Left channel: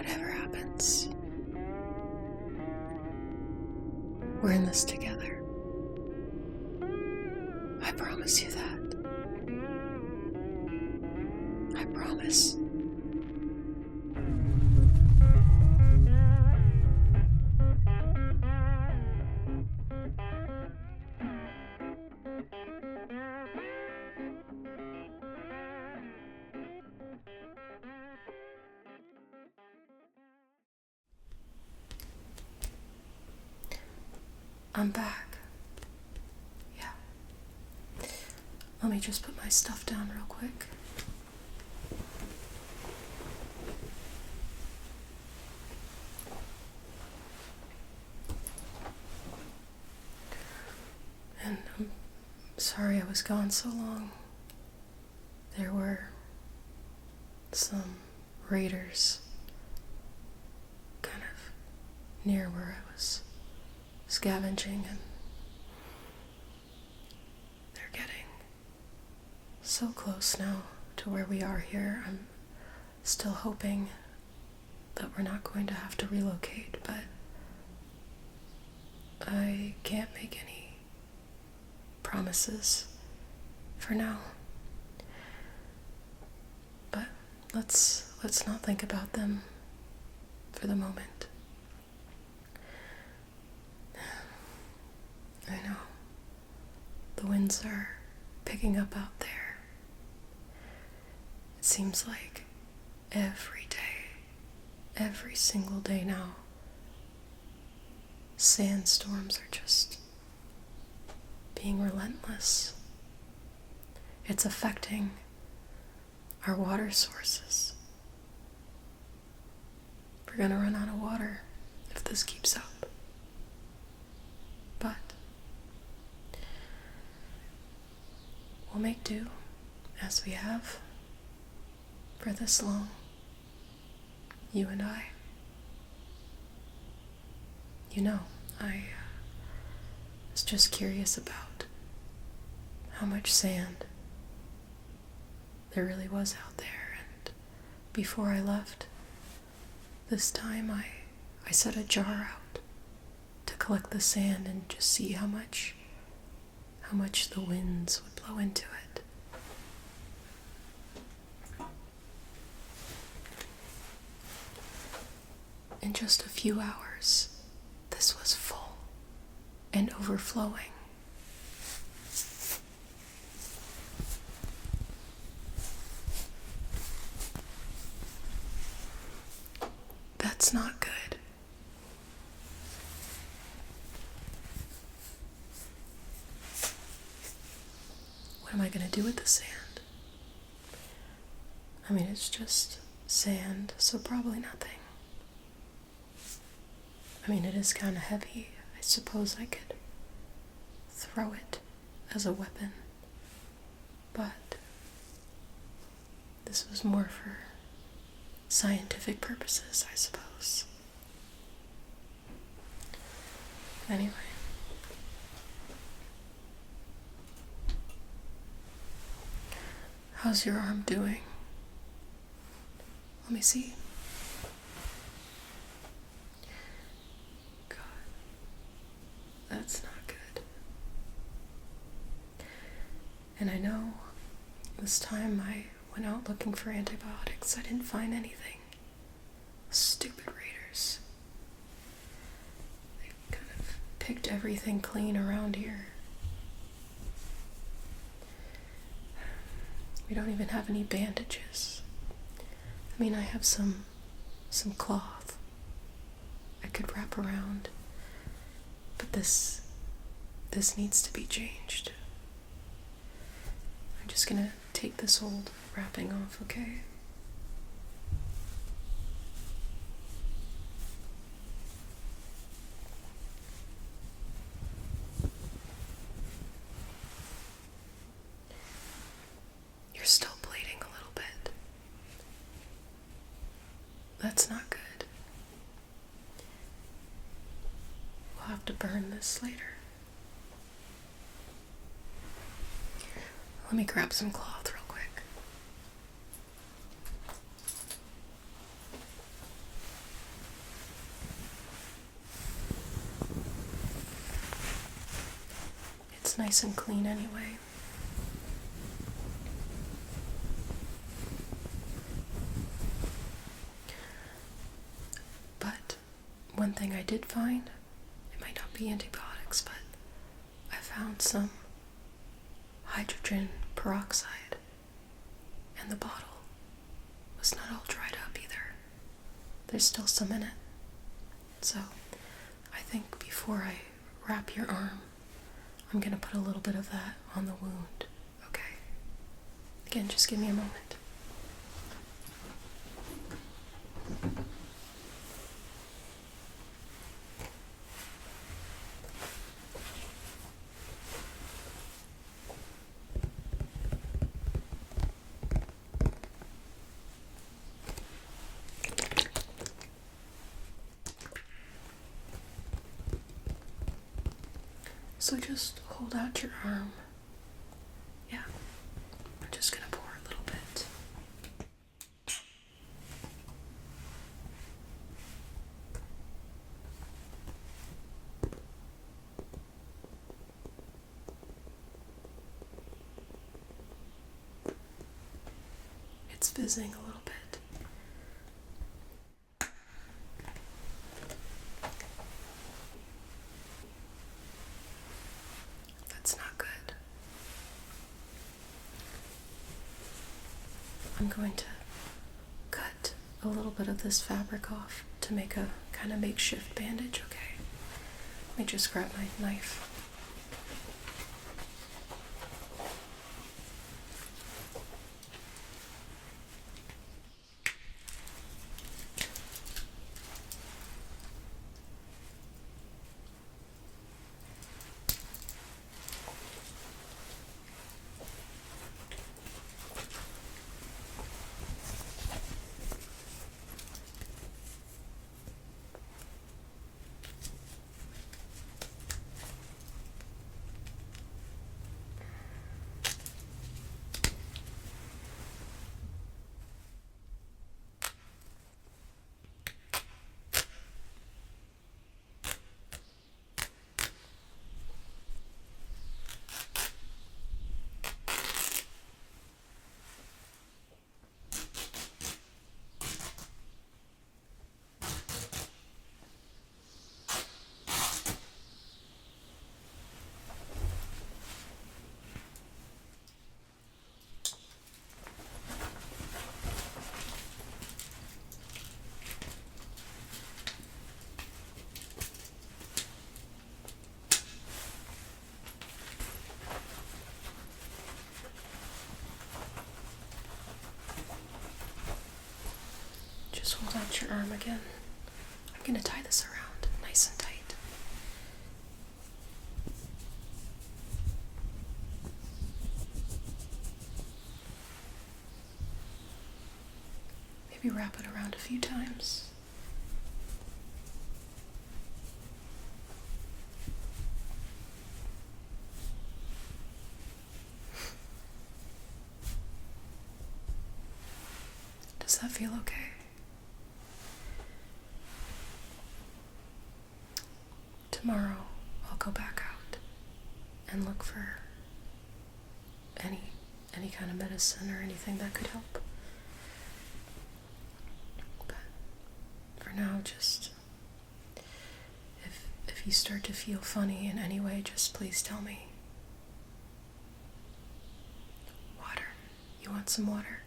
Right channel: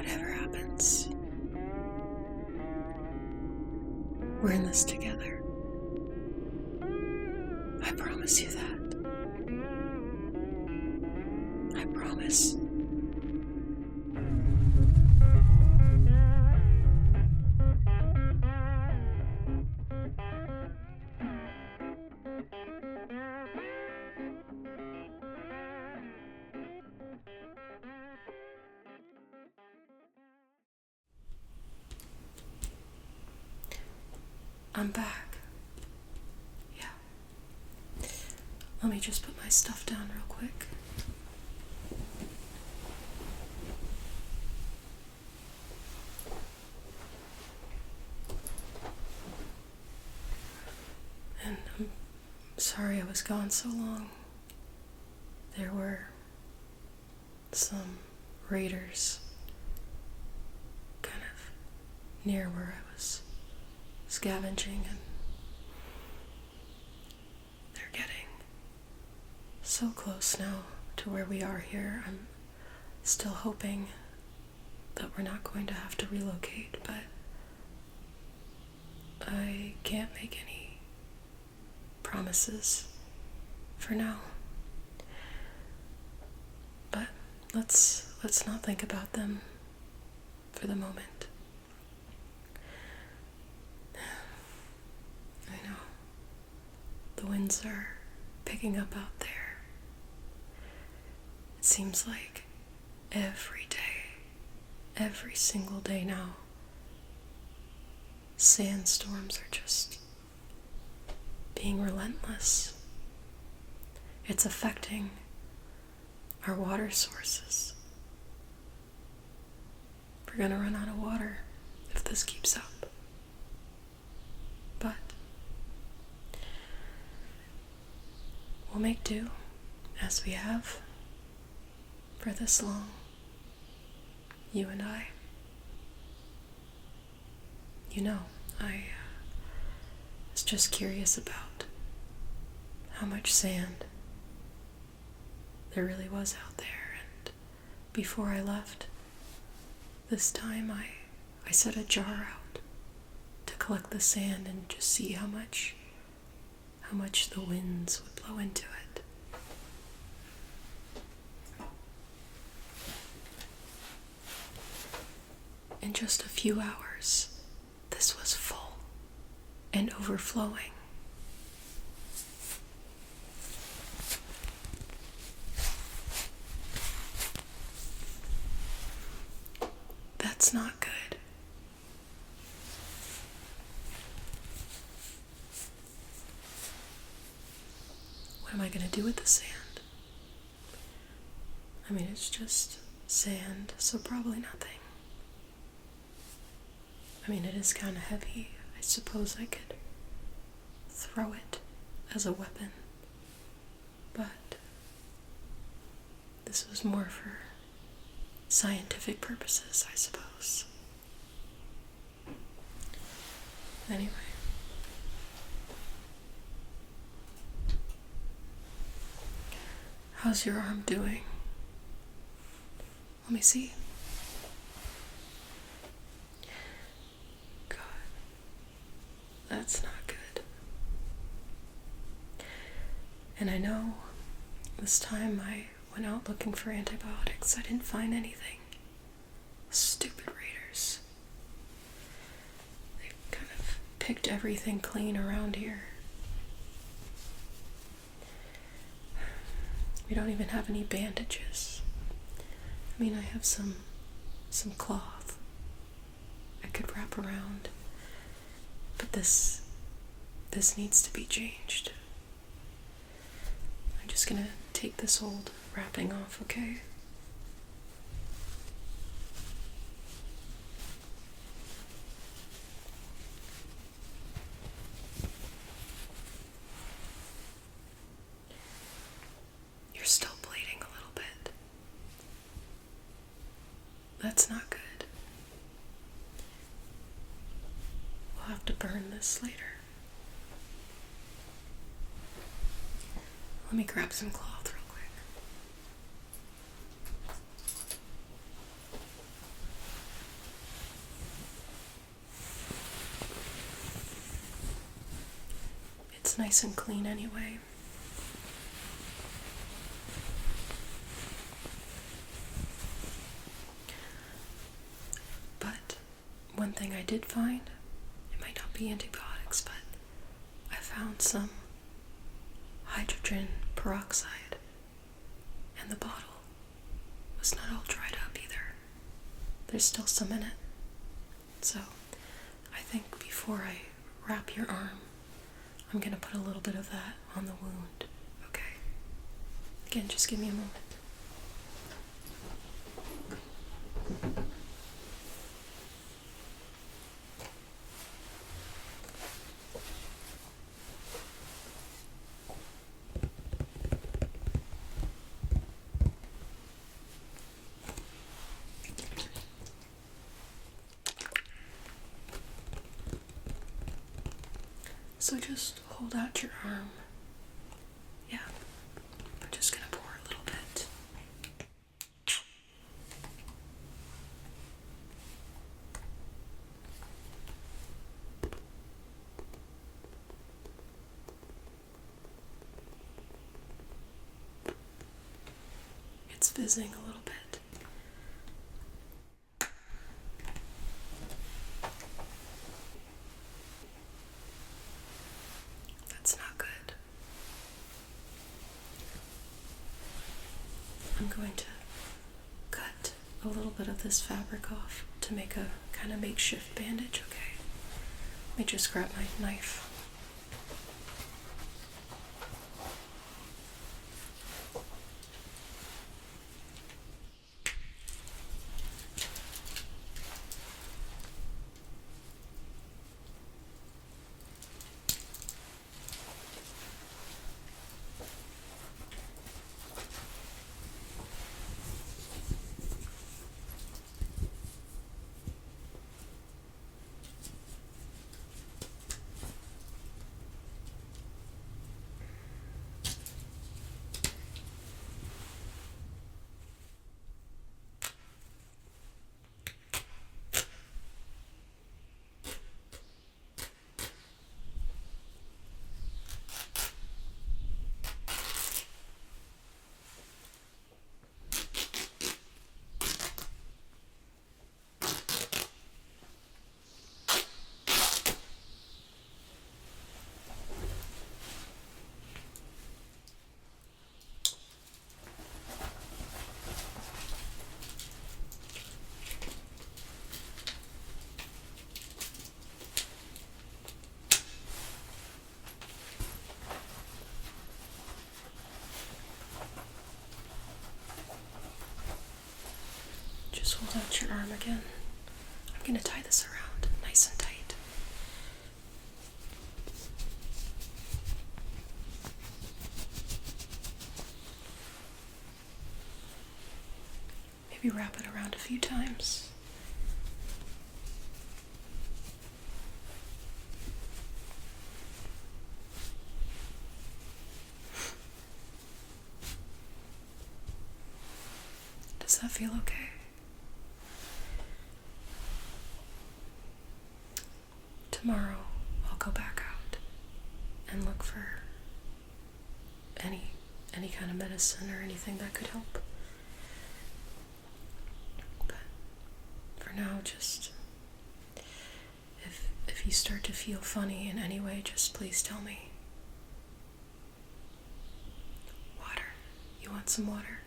whatever happens, we're in this together. I promise you that. I promise. I'm back. Yeah. Let me just put my stuff down real quick. And I'm sorry I was gone so long. There were some raiders kind of near where I was scavenging, and they're getting so close now to where we are here. I'm still hoping that we're not going to have to relocate, but I can't make any promises for now. But let's not think about them for the moment. I know. The winds are picking up out there. It seems like every day, every single day now, sandstorms are just being relentless. It's affecting our water sources. We're gonna run out of water if this keeps up. But we'll make do as we have for this long, you and I. You know, I was just curious about how much sand there really was out there, and before I left this time I set a jar out to collect the sand and just see how much the winds would blow into it. In just a few hours, this was full and overflowing. That's not good. What am I going to do with the sand? I mean, it's just sand, so probably nothing. I mean, it is kind of heavy. I suppose I could throw it as a weapon. But this was more for scientific purposes, I suppose. Anyway. How's your arm doing? Let me see. God. That's not good. And I know this time I went out looking for antibiotics. I didn't find anything. Stupid raiders. They've kind of picked everything clean around here. We don't even have any bandages. I mean, I have some cloth I could wrap around, but this needs to be changed. I'm just gonna take this old wrapping off, okay? You're still bleeding a little bit. That's not good. We'll have to burn this later. Let me grab some cloth real quick. It's nice and clean anyway. But one thing I did find, it might not be antibiotics, but I found some hydrogen peroxide, and the bottle was not all dried up either. There's still some in it. So I think before I wrap your arm, I'm going to put a little bit of that on the wound, okay? Again, just give me a moment. So just hold out your arm. Yeah, I'm just gonna pour a little bit. It's fizzing a little bit. That's not good. I'm going to cut a little bit of this fabric off to make a kind of makeshift bandage, okay? Let me just grab my knife. Hold out your arm again. I'm going to tie this around nice and tight. Maybe wrap it around a few times. Does that feel okay? Tomorrow, I'll go back out and look for any kind of medicine or anything that could help. But for now, just if you start to feel funny in any way, just please tell me. Water. You want some water?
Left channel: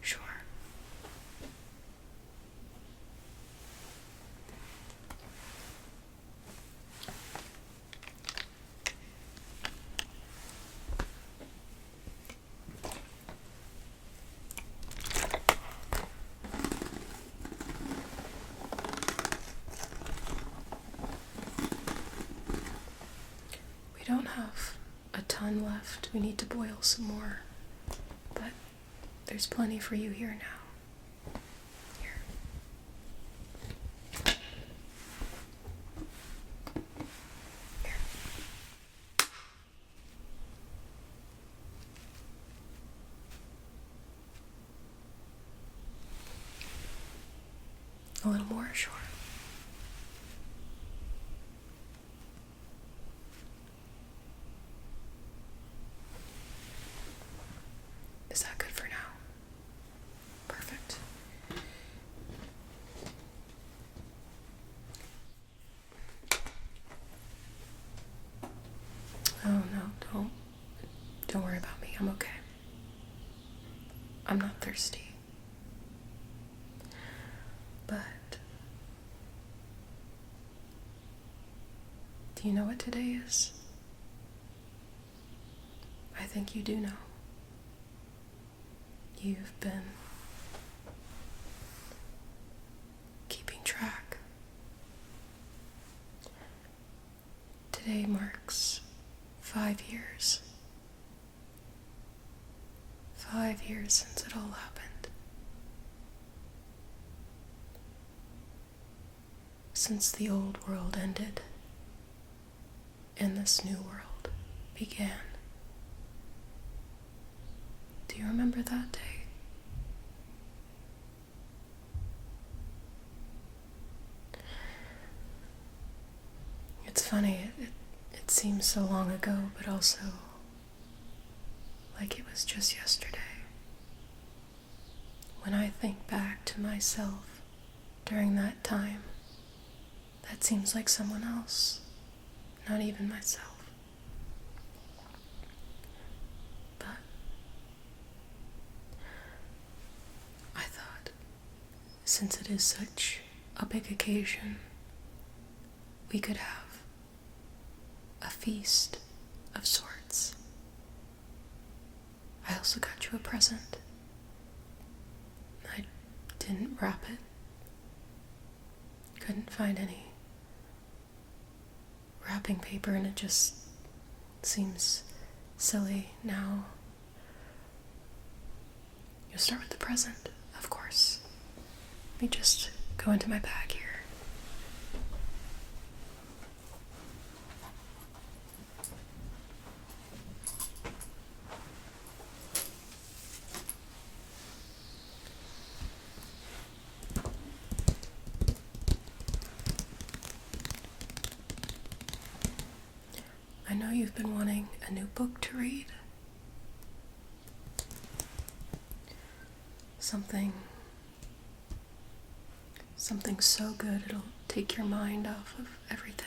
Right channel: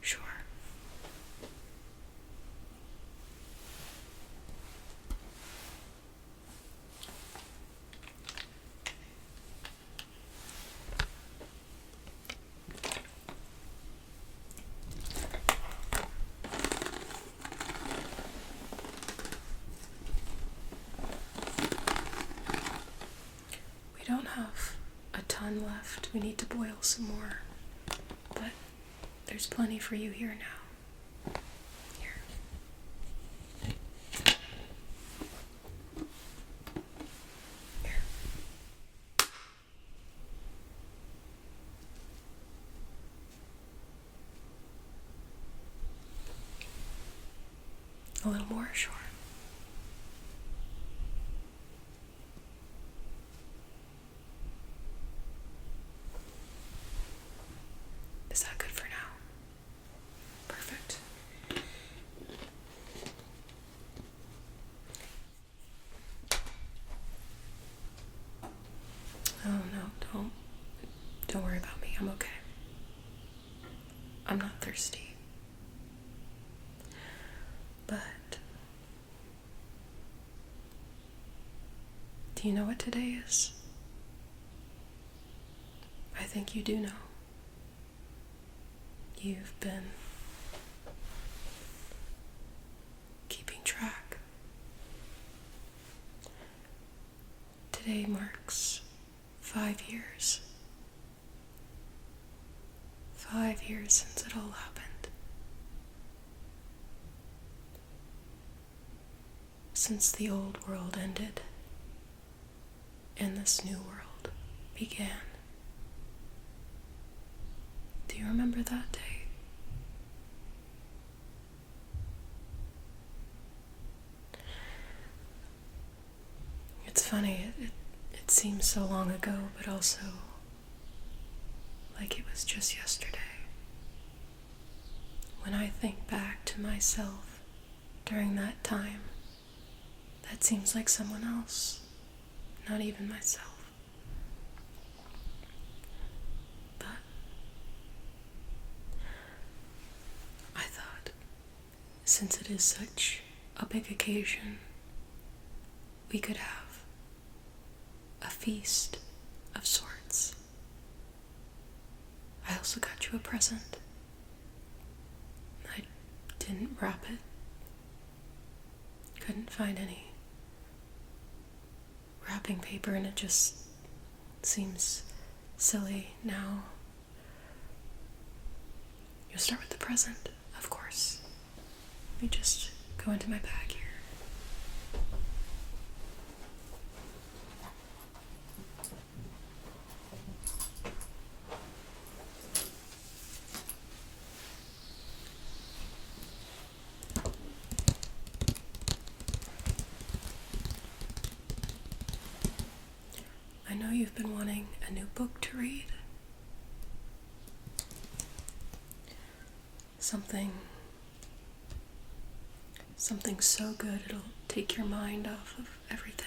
Sure. We don't have a ton left. We need to boil some more, but there's plenty for you here now. Here. Here. A little more? Sure. Is that good for now? Perfect. Oh no, don't worry about me. I'm okay. I'm not thirsty. But do you know what today is? I think you do know. You've been keeping track. Today marks 5 years. 5 years since it all happened. Since the old world ended and this new world began. Do you remember that day? It's funny, it seems so long ago, but also like it was just yesterday. When I think back to myself during that time, that seems like someone else, not even myself. But I thought, since it is such a big occasion, we could have a feast of sorts. I also got you a present. I didn't wrap it. Couldn't find any wrapping paper, and it just seems silly now. You'll start with the present, of course. Let me just go into my bag here. I know you've been wanting a new book to read. Something so good it'll take your mind off of everything.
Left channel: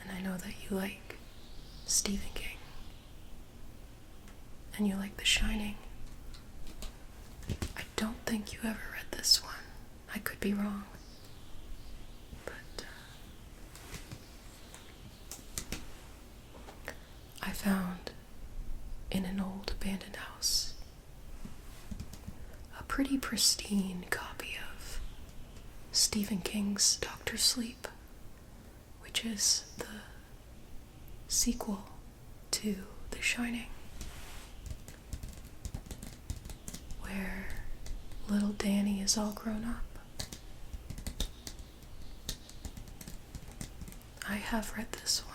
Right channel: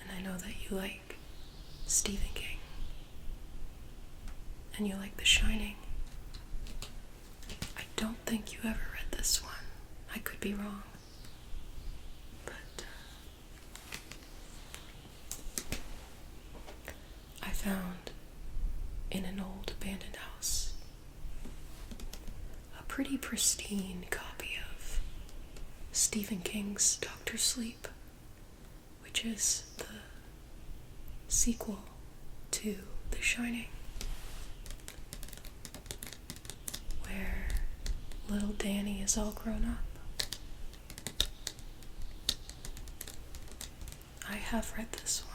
And I know that you like Stephen King. And you like The Shining. I don't think you ever read this one. I could be wrong. But I found in an old abandoned house a pretty pristine copy of Stephen King's Dr. Sleep, which is the sequel to The Shining, where little Danny is all grown up. I have read this one.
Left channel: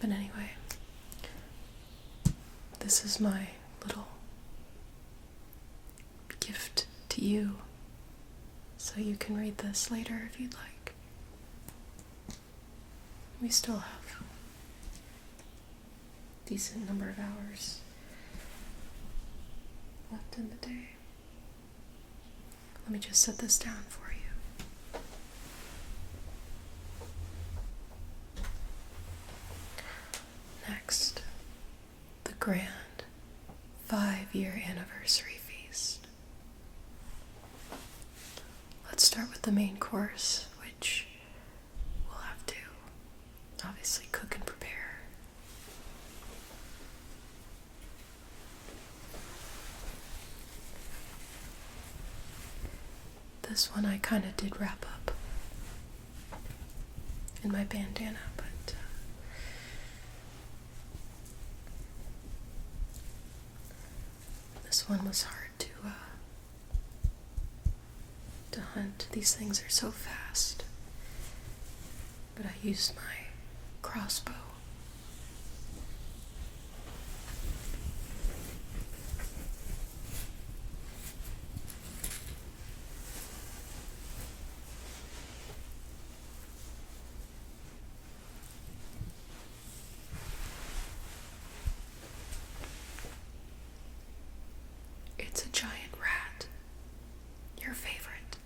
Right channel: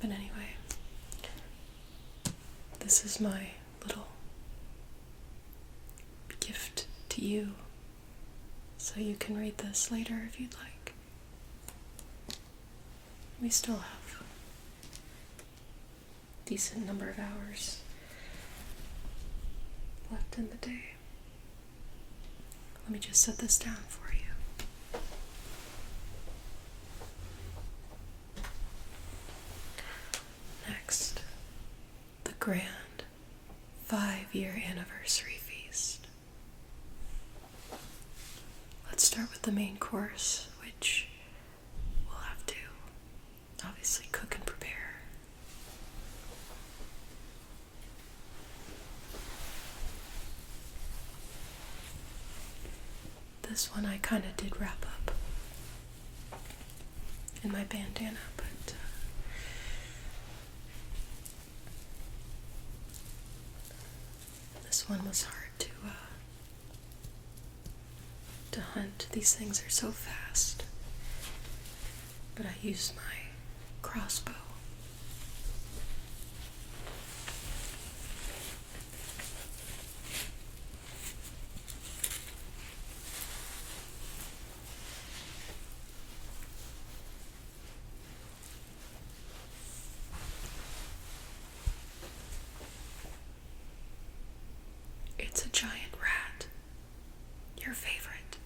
But anyway, this is my little gift to you, so you can read this later if you'd like. We still have a decent number of hours left in the day. Let me just set this down for you. Next, the grand 5-year anniversary feast. Let's start with the main course, which we'll have to obviously cook and prepare. This one I kind of did wrap up in my bandana, but this one was hard to hunt. These things are so fast. But I used my crossbow. It's a giant rat. Your favorite.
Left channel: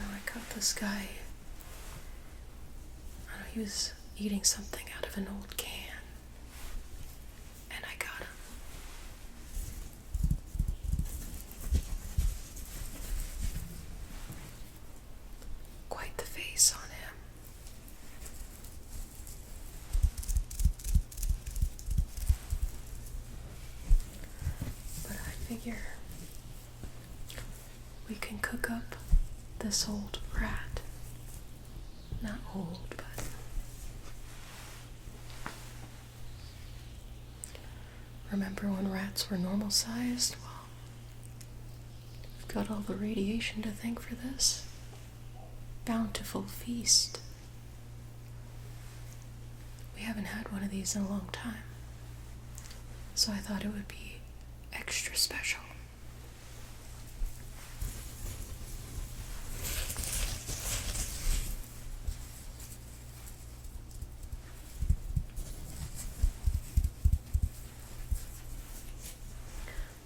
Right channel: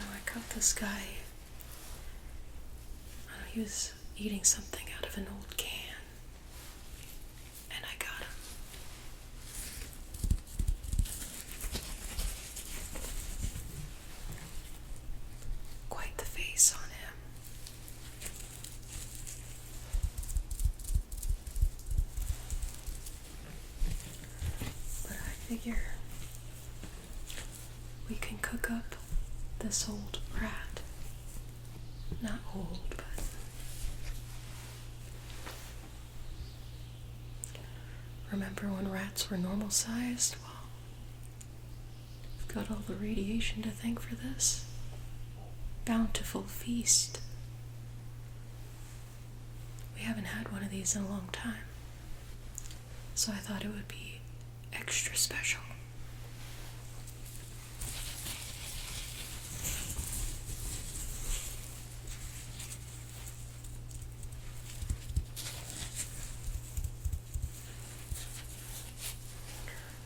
I caught this guy. He was eating something out of an old can. And I got him. Quite the face on him. But I figure we can cook up this old rat. Not old, but remember when rats were normal sized? Well, we've got all the radiation to thank for this bountiful feast. We haven't had one of these in a long time, so I thought it would be extra special.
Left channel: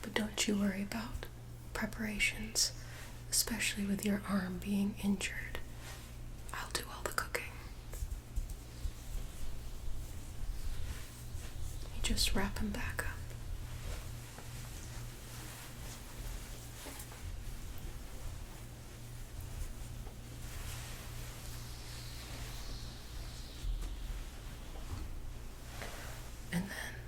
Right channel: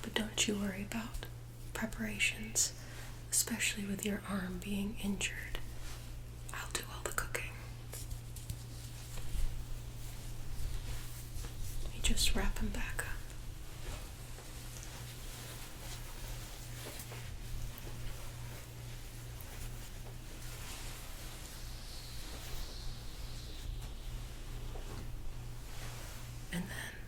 But don't you worry about preparations, especially with your arm being injured. I'll do all the cooking. You just wrap him back up. And then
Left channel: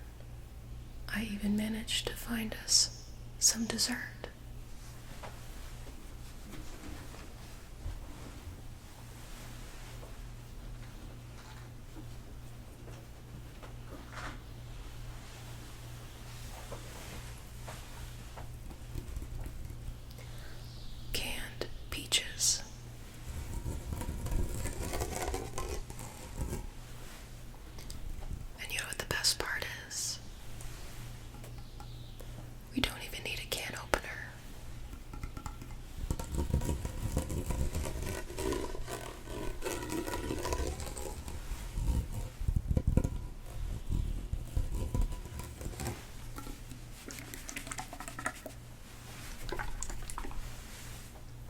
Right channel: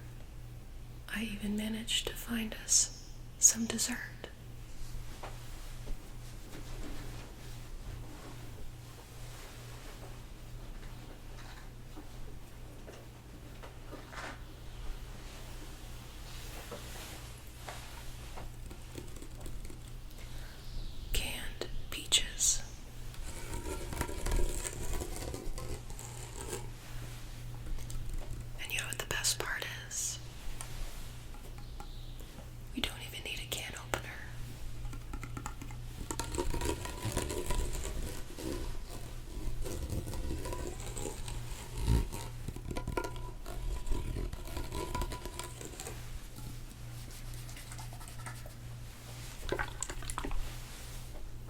I even managed to find us some dessert. Canned peaches. And you know what the best part is? We don't even need a can opener.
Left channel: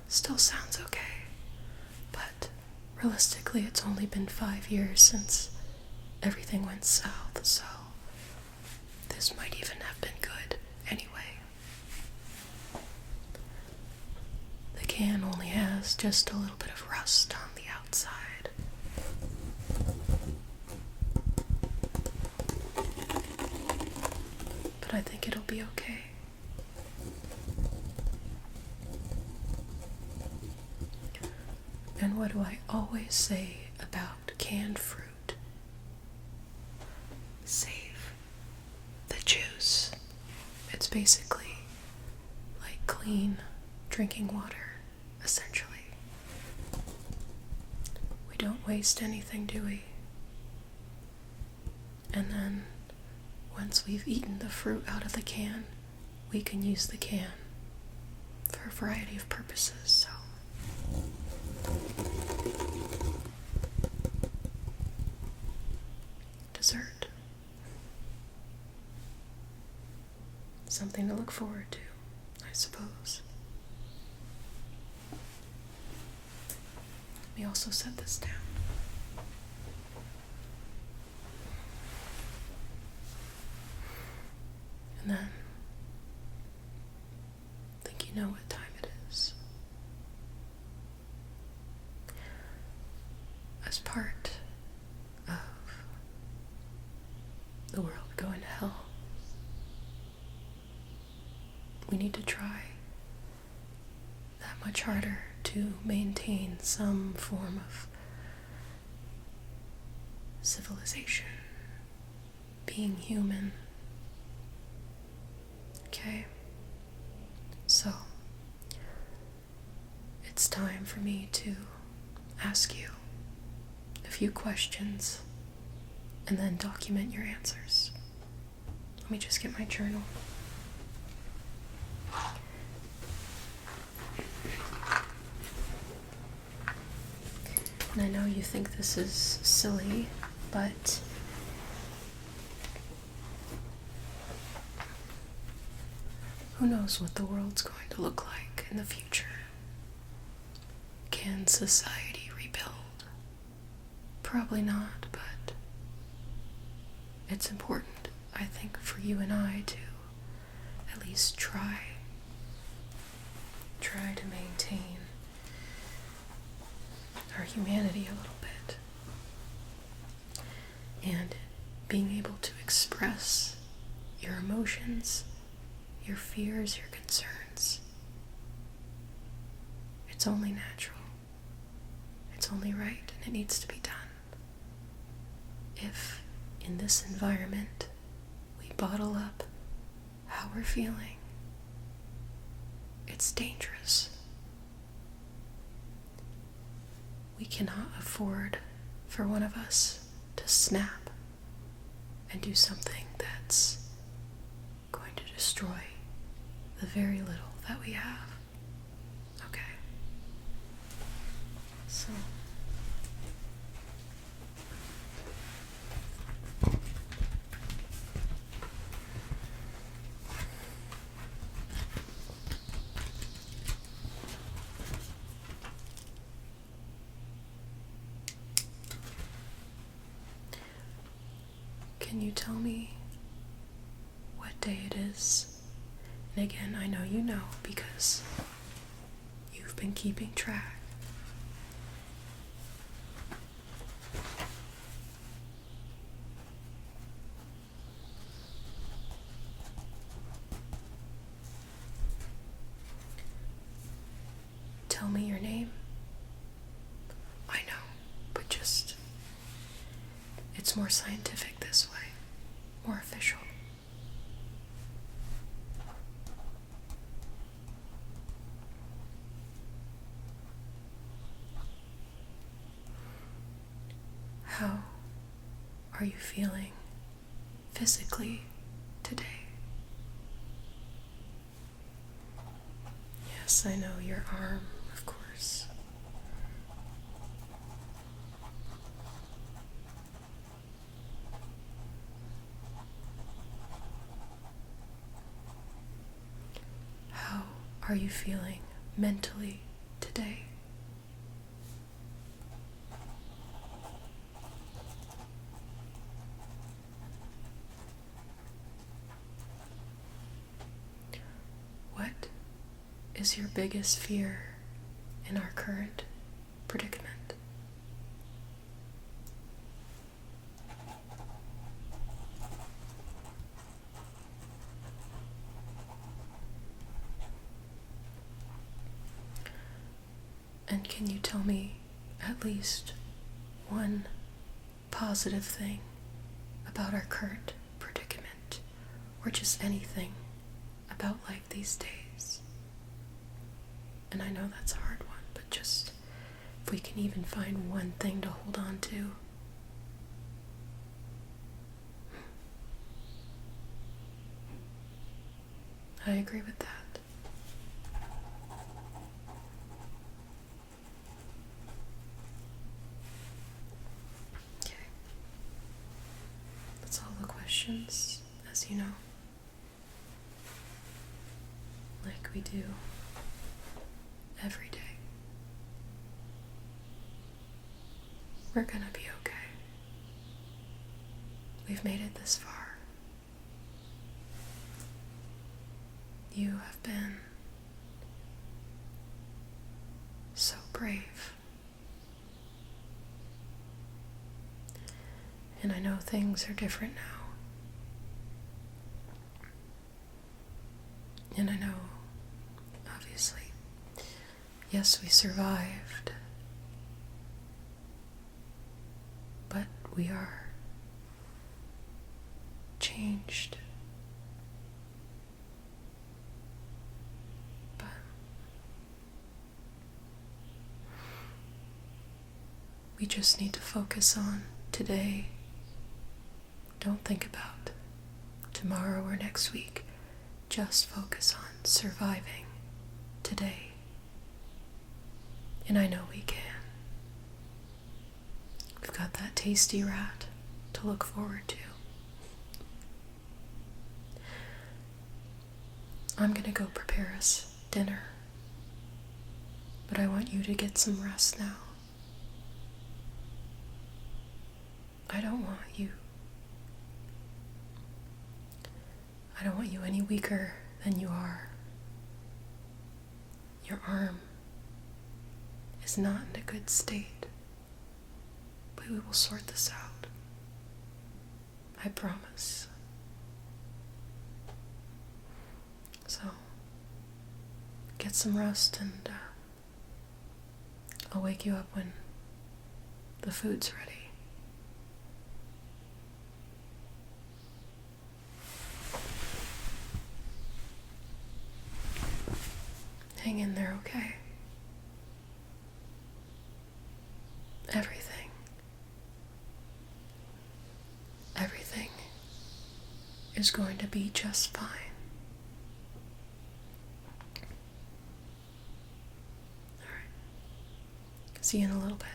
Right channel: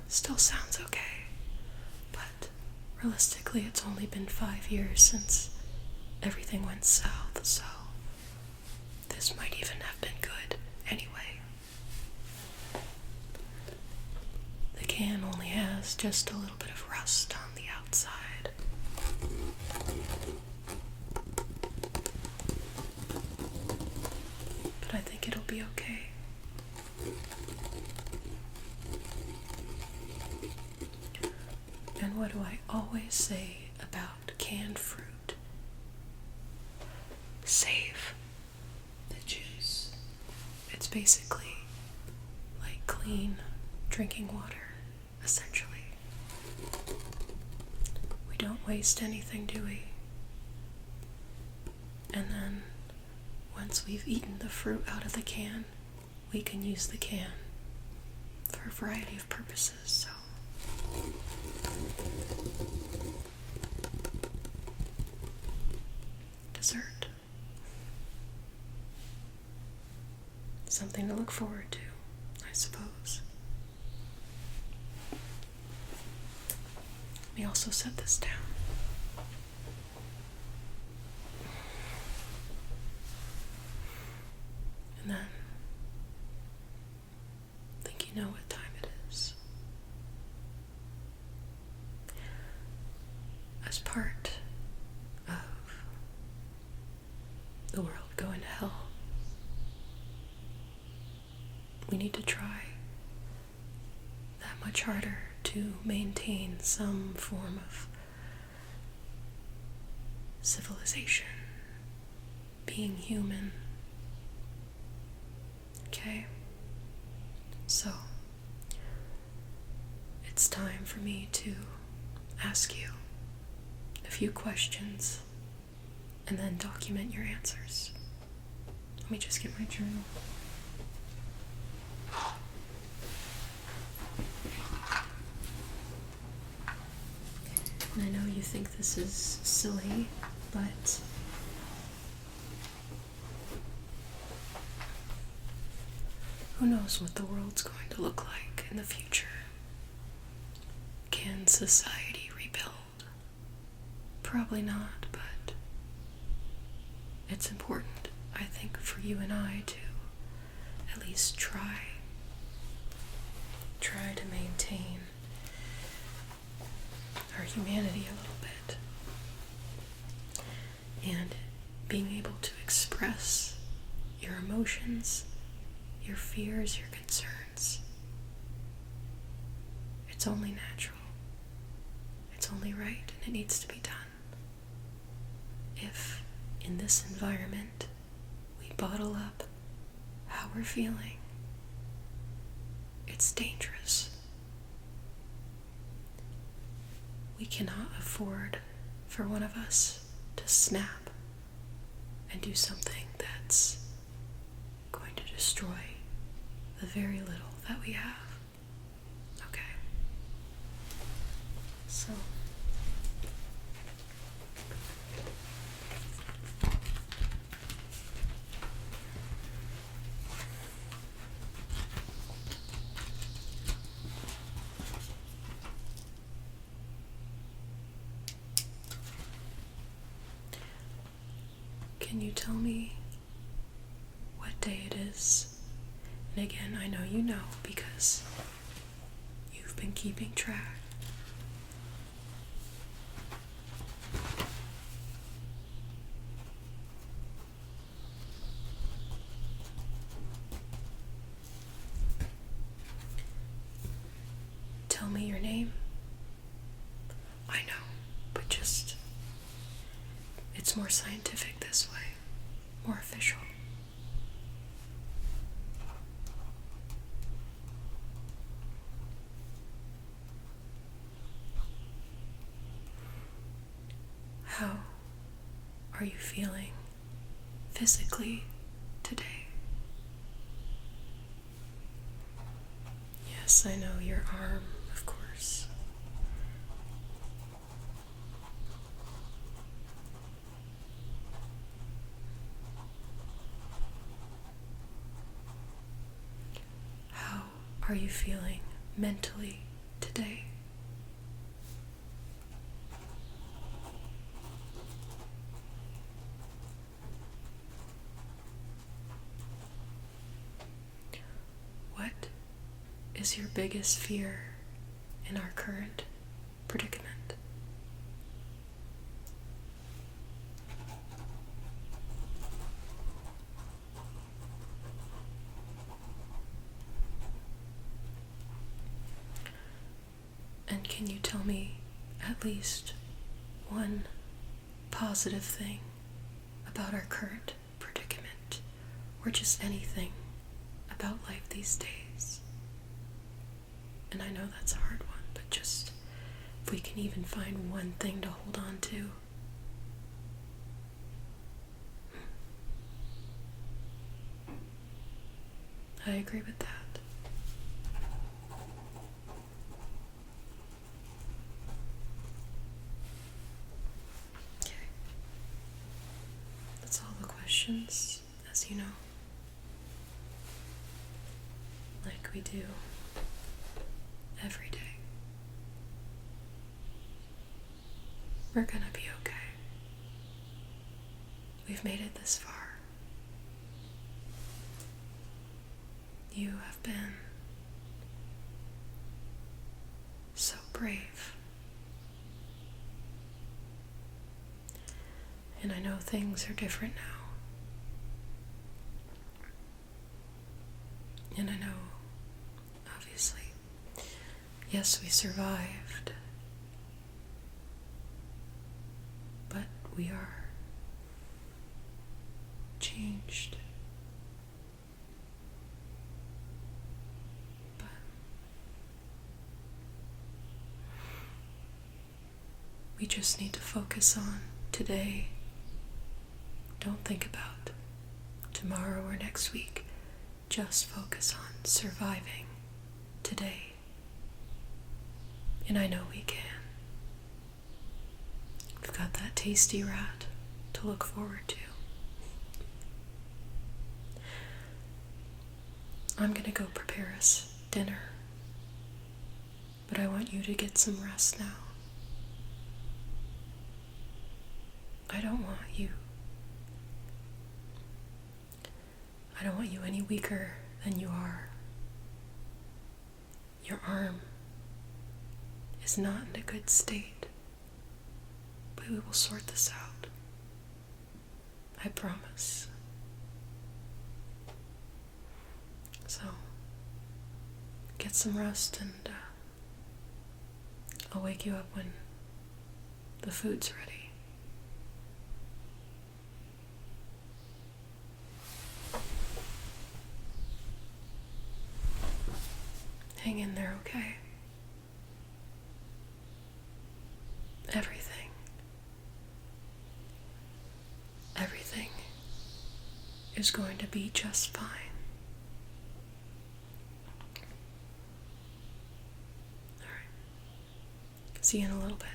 Still sounds okay, but realistically it's only been 5 years since everything went south, so this might even have been good anyway. The can only has just a little bit of rust on the outside. But I think it'll be okay. And what do I always say about canned fruit? Save the juice. It's basically like clean drinking water, essentially. We don't waste anything, do we? And then, once we've eaten the fruit out of the can, we can use the can for a variety of purposes, so. Dessert. Something to look forward to, I suppose. Let me also set this down. And then, I think you know what time it is. As part of the world going to hell, we need to try that much harder to maintain some form of civilization, being human. Okay? So, it's time for me to ask you a few questions and then document your answers. Let me just get my journal. And I know you think this is silly, but who knows what the world's going to look like in the future? Can society rebuild? Probably not, but it's important, I think, for you and I to at least try to maintain our humanity a little bit. And being able to express your emotions, your fears, your concerns. It's only natural. It's only right, and it needs to be done. If in this environment we bottle up how we're feeling, it's dangerous. We cannot afford for one of us to snap and do something that's going to destroy the very little that we have. Okay. So can you tell me what day it is? And again, I know you know because you've been keeping track. Tell me your name. I know, but just, it's more scientific this way, more official. How are you feeling physically today? Yes, I know your arm, of course. How are you feeling mentally today? What is your biggest fear in our current predicament? And can you tell me at least one positive thing about our current predicament, or just anything about life these days? And I know that's a hard one, but just if we can even find one thing to hold on to. I agree with that. Okay. That's all the questions, as you know. Like we do every day. We're gonna be okay. We've made it this far. You have been so brave. And I know things are different now. And I know, obviously, yes, we survived, but we are changed. But we just need to focus on today. Don't think about tomorrow or next week. Just focus on surviving today. And I know we can. got that tasty rat to look forward to. I'm gonna go prepare us dinner, but I want you to get some rest now. I don't want you any weaker than you are. Your arm is not in a good state, but we will sort this out. I promise. So, get some rest, and I'll wake you up when the food's ready. Hang in there, okay? Everything is going to be just fine. Alright. See you in a little bit.